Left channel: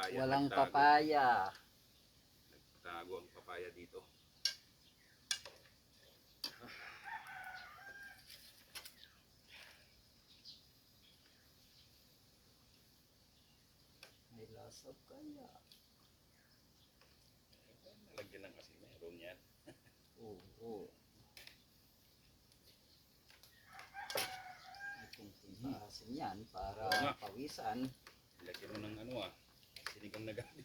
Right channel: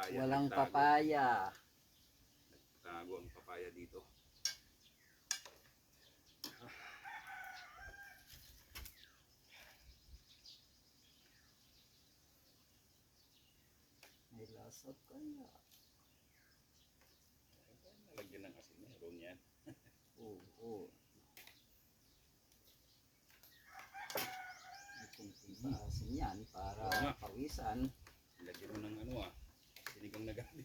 papaya. Walang Nagtago. papaya. Nagtago ang papaya dito. May lasap kaya. Lagyan ng asin, meron yan. Oo. May kunting paasin yan para Oo nga. pawisan. Lagyan mo ng ano sinigang na gabi.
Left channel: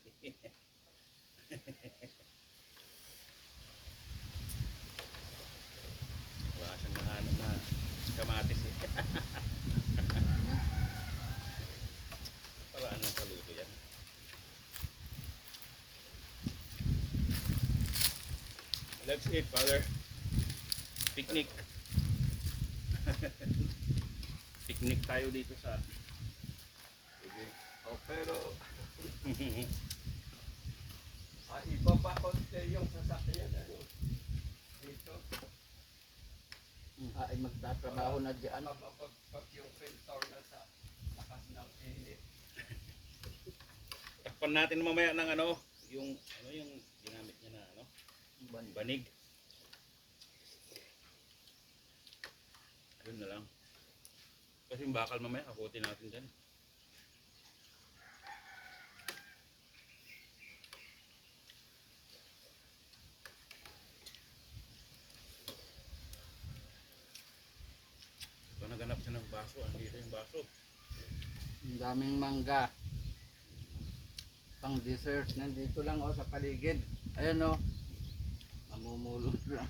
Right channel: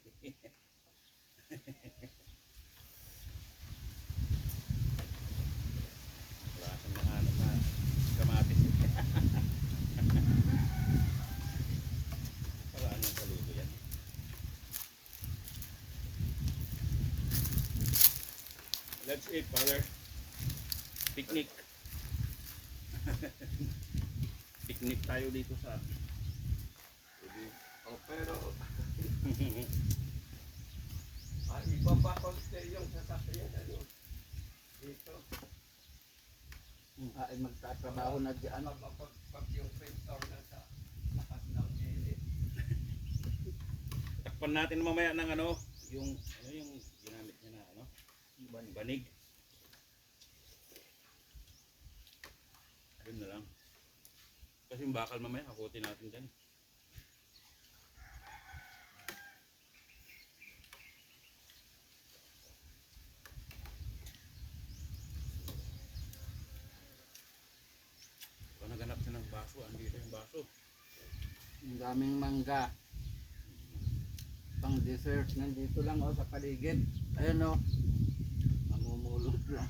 Wala siyang nahanap na kamatis eh. Paraan lang sa luto yan. Let's eat, Father. Picnic. Picnic tayo dito sa Oh, pero iba pa konti yung sasakyan dito. Ay magtatrabaho na dyan. Pag yung pintor na sa lakas ng init. takpan natin mamaya ng yung ginamit niya na banig. Yun na lang. Kasi yung bakal mamaya kakutin natin dyan. Kung naganap siya ng baso, andito yung baso. Ang daming mangga. Pang dessert. Nandito lang sa paligid. Ayan mamumulot lang.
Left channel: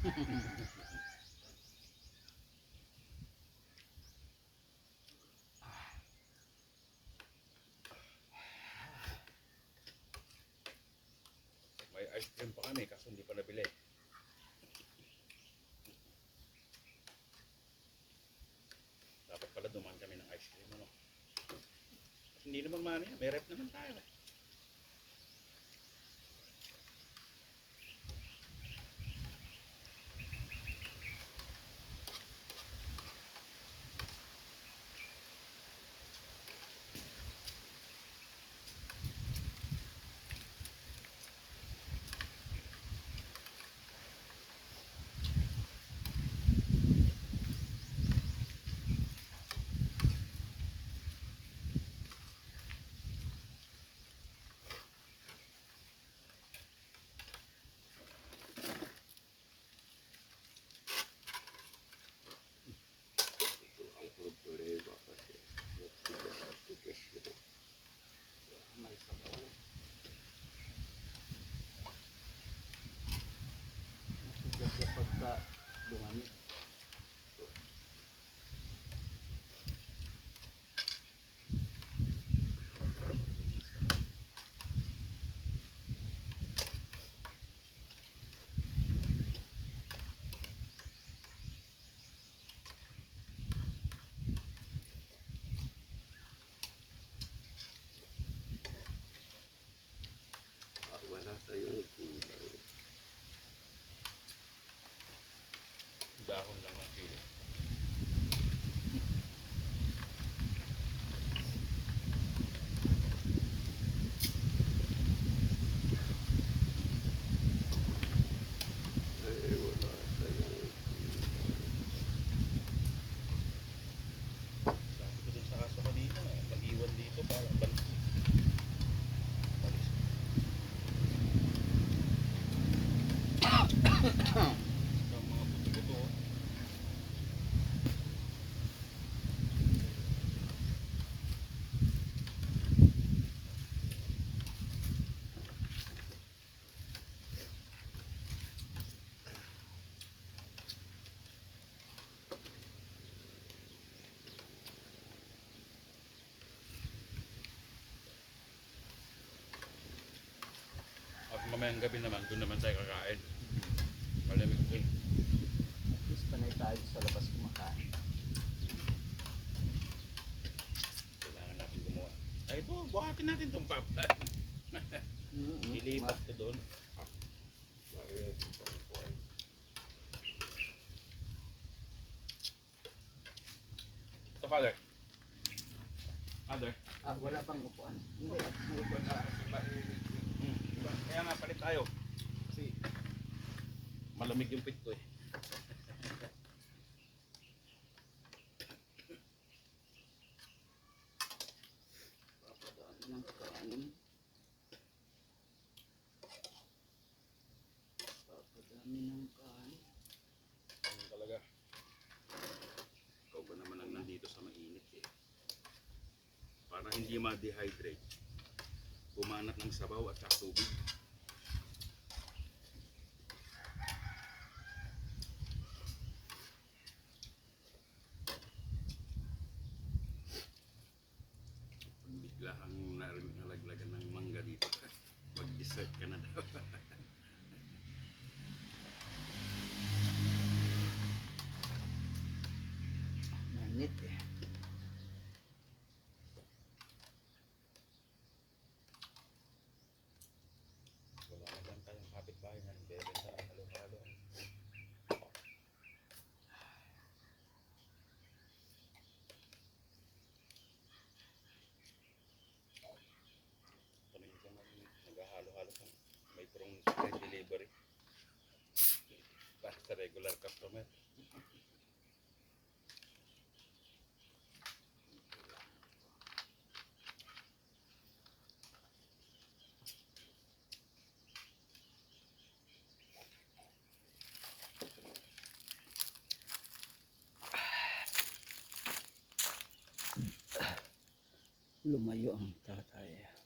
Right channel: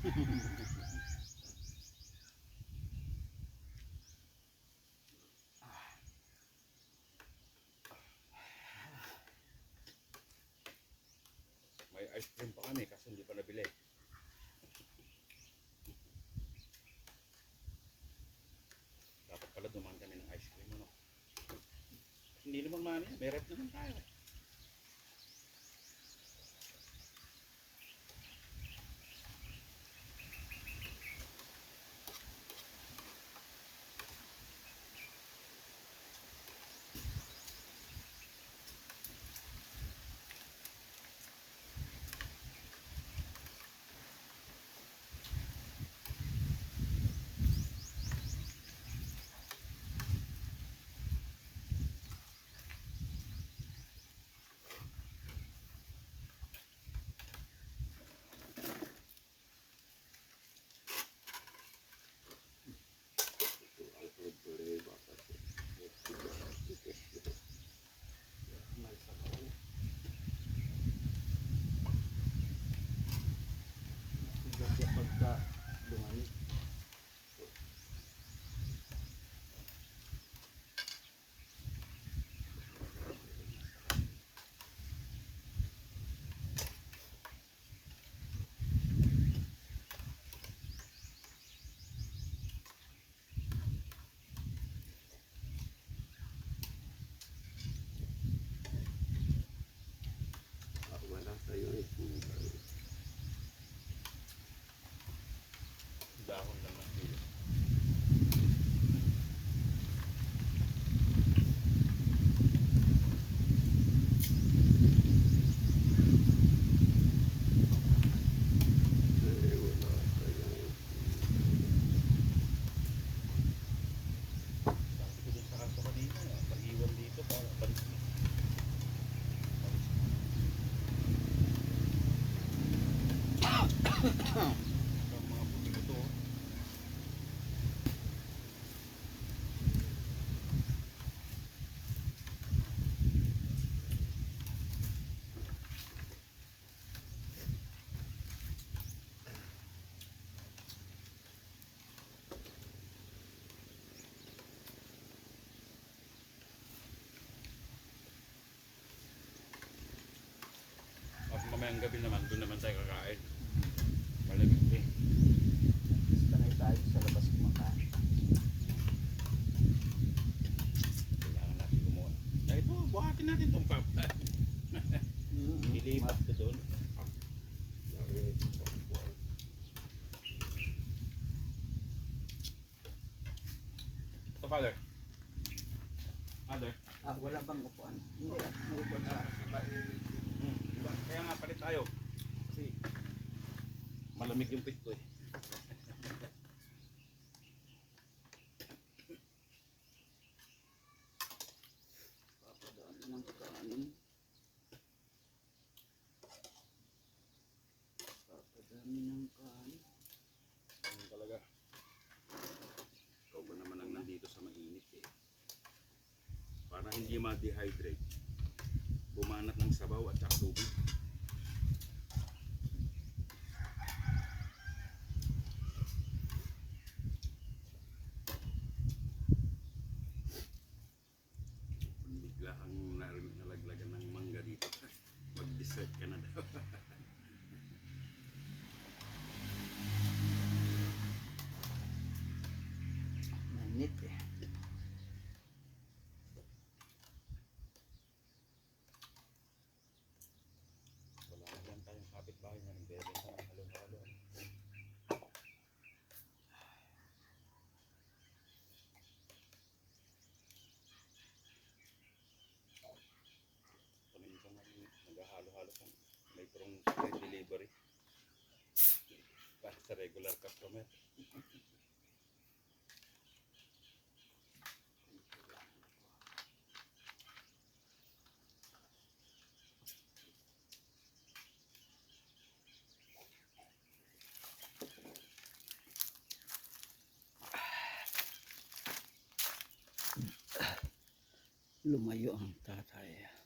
May ice cream pa kami kaso hindi pa nabili. Dapat pala dumaan kami ng ice cream Kasi hindi naman mani, may rep naman tayo eh. Ito ang problema kasi. May sabaw. Nasigat siya pagka dumami. Wala tayong gulay. Dahon lang ng sili. Wala tayong Sabi ko dun sa kaso kanina, mag-iwan dito para balis. Ang mga buto-buto. At mamayang gabi naman, doon naman tayo kakain. Malamig to eh. At least panay tayo sa labas kumakain. Kailangan natin gumawa. Ay ito, buhatin natin itong papa. Ilipat ko doon. Ito, Father. Father. Wala bang upuan? Hindi. May upuan na. malamig yung pit ko eh. Papadami ng kanin. Papadami ng kanin. Ganun talaga. Ikaw ba naman ang nandito sa mainit eh. Para hindi ma-dehydrate, bumanat ng sabaw at saka tubig. Pag bigla kang nalaglagan ng mangga dito, mag-dessert ka na daw. Mainit eh. Wala na lang tayong kapitbahay na nagbebenta ng halo-halo. Tanungin ko nga yung naghahalo-halo sa may prong street delivery. Para sa regular customer. Lumayo ang tatay.